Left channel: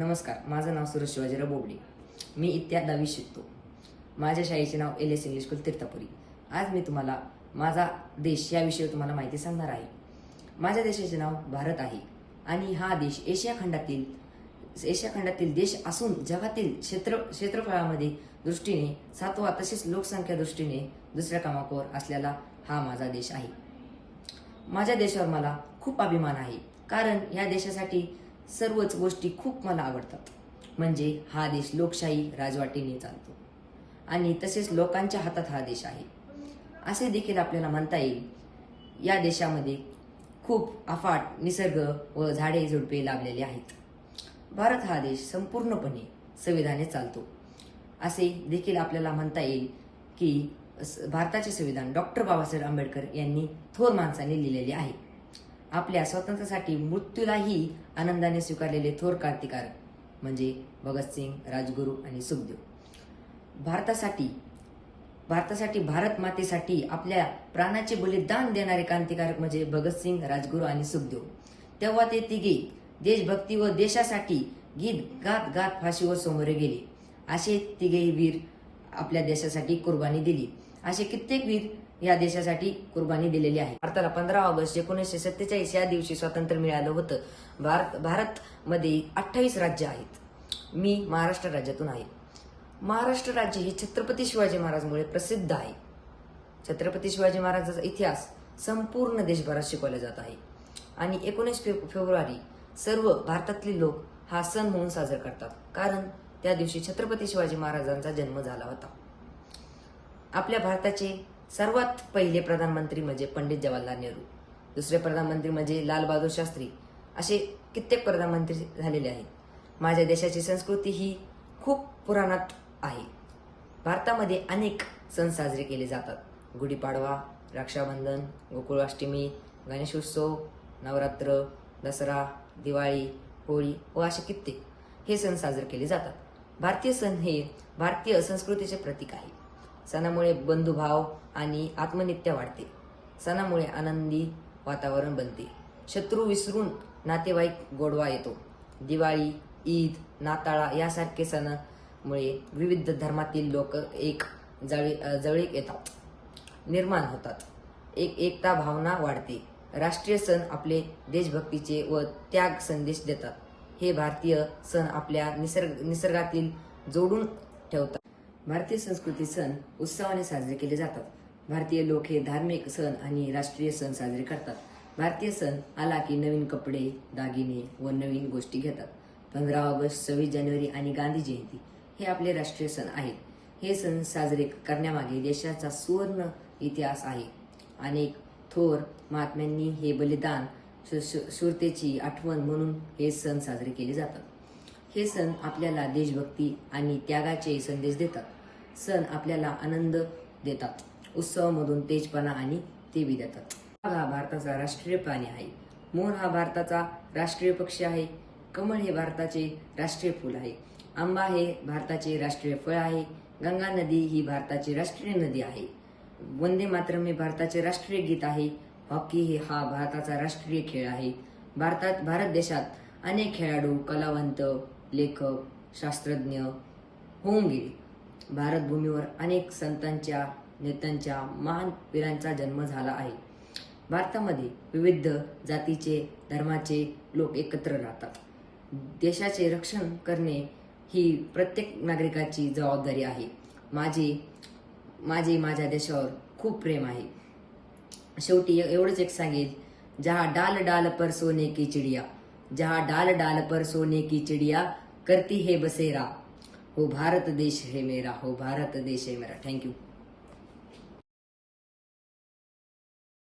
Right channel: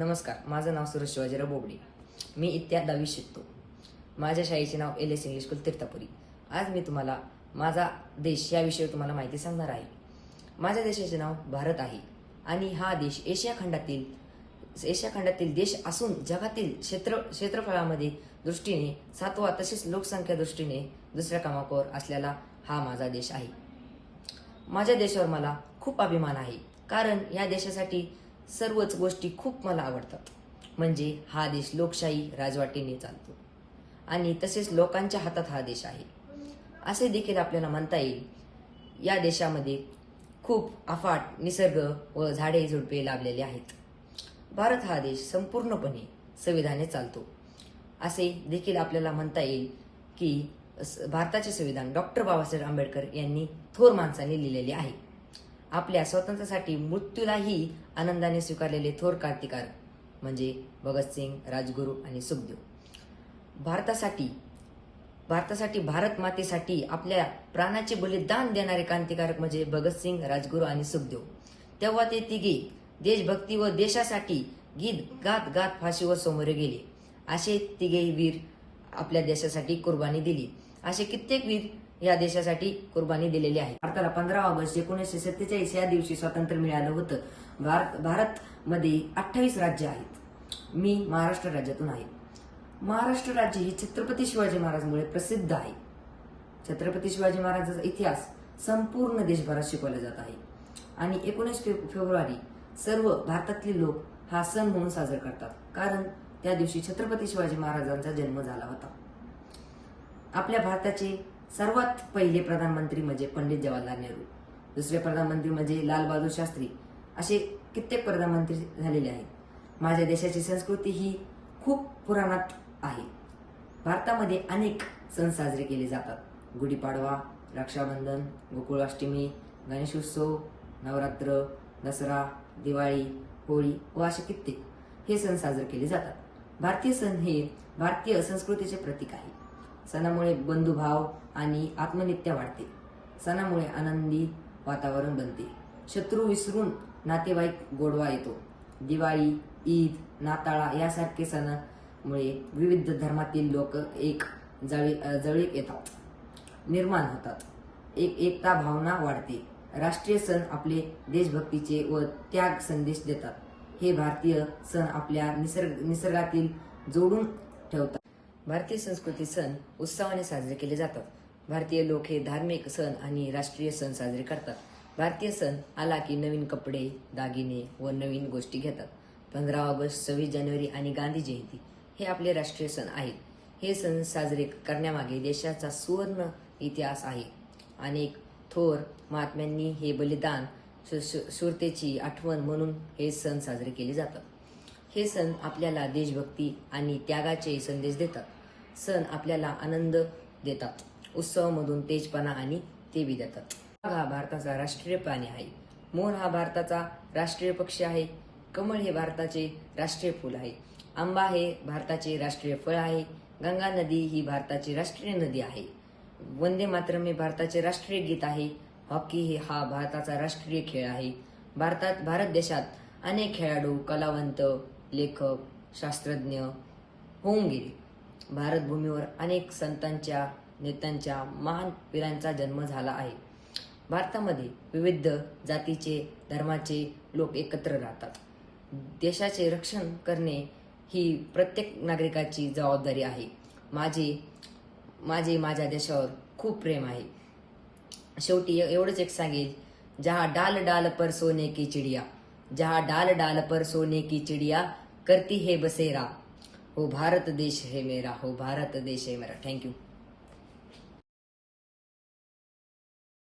नमस्कार माझं नाव सुरेश शिवाजीराव बोबडे. मी इत्या दहावी शिकतो. माझ्या शाळेचे नाव L S English school Tirthpuri. आज मी तुम्हाला माझा देश याविषयी तुम्हाला माहिती सांगणार आहे. माझ्या देशाचे नाव भारत आहे आणि हा देश एशिया खंडातील एशिया खंडातील देश असून जगातील क्षेत्र क्षेत्रफळामध्ये दृष्टीने सातवा तसेच लोकसंख्या दृष्टीने दुसऱ्या क्रमांकावर असलेला हा माझा देश आहे. माझ्या देशावर मला खूप अभिमान आहे. कारण या देशासाठी सर्वच गोष्टी खूप मला आवडतात. म्हणजे हा देश लोकशाही राजवाटीने चालतो. आणि तसेच लोकांच्या हातात हा देश आहे. असे देखील आपल्याला म्हणता येईल. या देशामध्ये खूप अफाट निसर्ग व झाडे झुडपे लाभलेले आहेत. भारत हा देश संपूर्णपणे संविधाने चालतो. असे देखील आपल्याला म्हणता येईल की भारताचे संविधान डॉक्टर बाबासाहेब आंबेडकर यांनी थोर माणसाने लिहिलेले आहे. आपल्या स्वातंत्र्यासाठी मृत्यूलाही आनंदाने स्वीकारलेले थोर क्रांतिकारक म्हणजे भगतसिंग राजगुरू आणि सुखदेव. भारतासाठी भारतासाठी भारत मातेसाठी आपल्या प्राणाचे बलिदान देणारे क्रांतिकारक म्हणजे भगतसिंग राजगुरू आणि सुखदेव. तेव्हा ते तिघे देशभक्ती व देशासाठी गीत गात गात फाशीवर समोरे गेले. असे तिघेही वीर आपल्या देशासाठी कुर्बानी दिली. असे कित्येक वीर या देशासाठी कुर्बानी दिलेली आहे भारताला पंधरा ऑगस्ट एकोणीसशे सत्तेचाळीस या दिवशी स्वातंत्र्य मिळालं होतं. भारत भारतमध्ये अठ्ठावीस राज्य आहेत. मी महाराष्ट्र राज्यातून आहे. महाराष्ट्र राज्य हे छत्रपती शिवाजी महाराजांमुळे प्रसिद्ध आहे. छत्रपती शिवाजी महाराजांचा इतिहास संपूर्ण देशभरात शिकवला जात आहे. आणि एकोणीस फे फेब्रुवारी सर्व भारतातले लोक हा सण म्हणून साजरा करतात. कारण त्या दिवशी छत्रपती शिवाजी महाराजांचा जन्म झाला होता. आपल्या भारताचे सर्वात पहिले प्रधानमंत्री म्हणजे पंडित जवाहरलाल नेहरू. दुसरे प्रधानमंत्री म्हणजे लालबहादूर शास्त्री. असे कित्येक प्रधानमंत्री झालेले आहेत. माझ्या देशाची संस्कृती ही खूप पुराणात आहे. भारतामध्ये अनेक सण साजरे केले जातात. गुढीपाडवा रक्षाबंधन गोकुळाष्टमी गणेशोत्सव नवरात्र दसरा दिवाळी होळी व असे कित्येक हे सण साजरे केले जातात. भारतीय सण हे भारतीय संस्कृतीचे प्रतीक आहे. सणामुळे बंधुभाव आणि आत्मनित्य वाढते. सणामुळे आनंदी वातावरण बनते. शत्रू विसरून नातेवाईक गोडवा येतो. दिवाळी ईद नाताळा यासारखे सणामुळे विविध धर्मातील लोक एक जळी जवळीक येतात. निर्माण होतात. एक एकता भावना वाढते. राष्ट्रीय सण आपले देशभक्तीचे व त्याग संदेश देतात. हे भारतीय सण आपल्या निसर्ग निसर्गातील जोडून ठेवतात. भारतीय संस्कृती सण उत्सवाने साजरे केले जातात. भारतीय लोक हे धार्मिक सण आणि राष्ट्रीय सण साजरे करतात. भारतीय सण आला की नवीन कपडे दागिने व नवीन गोष्टी घेतात. पंधरा ऑगस्ट सव्वीस जानेवारी आणि गांधी जयंती हे आपले राष्ट्रीय सण आहेत. हे सण साजरे करण्यामागे देशाचा सुवर्ण इतिहास आहे. अनेक थोर महात्म्यांनी हे बलिदान शु- शूरतेची आठवण म्हणून हे सण साजरे केले जातात. हे सण आपल्याला देशभक्ती आणि त्यागाचे संदेश देतात. सण आपल्याला आनंद देतात. उत्सवामधून तेजपणा आणि तेवी देतात. वाघ हा भारताचा राष्ट्रीय प्राणी आहे. मोर हा भारताचा राष्ट्रीय पक्षी आहे. कमळ हे भारताचे राष्ट्रीय फूल आहे. आंबा हे भारताचे राष्ट्रीय फळ आहे. गंगा नदी ही भारताची राष्ट्रीय नदी आहे. वंदे मातरम हे भारताचे राष्ट्रीय गीत आहे. हॉकी हे हा भारताचा राष्ट्रीय खेळ आहे. भारतात भारत देशात अनेक खेळाडू कलावंत लेखक शास्त्रज्ञ होऊन गेले. भारतभूमीवर अनेक संतांच्या नेत्यांच्या महान वीरांचा जन्म झाला आहे. भारतामध्ये विविध जातीचे धर्माचे लोक एकत्र राहतात. देशाचे रक्षण करणे ही प्रत्येक नागरिकाची जबाबदारी आहे. माझे माझे माझ्या देशावर खूप प्रेम आहे. शेवटी एवढंच एक सांगेल जहा डाल डाल पर सोने की चिडिया जहा डाल डाल पर सोने की चिडिया करती है बसेरा। हो भारत देश है मेरा हो भारत देश है मेरा। थँक्यू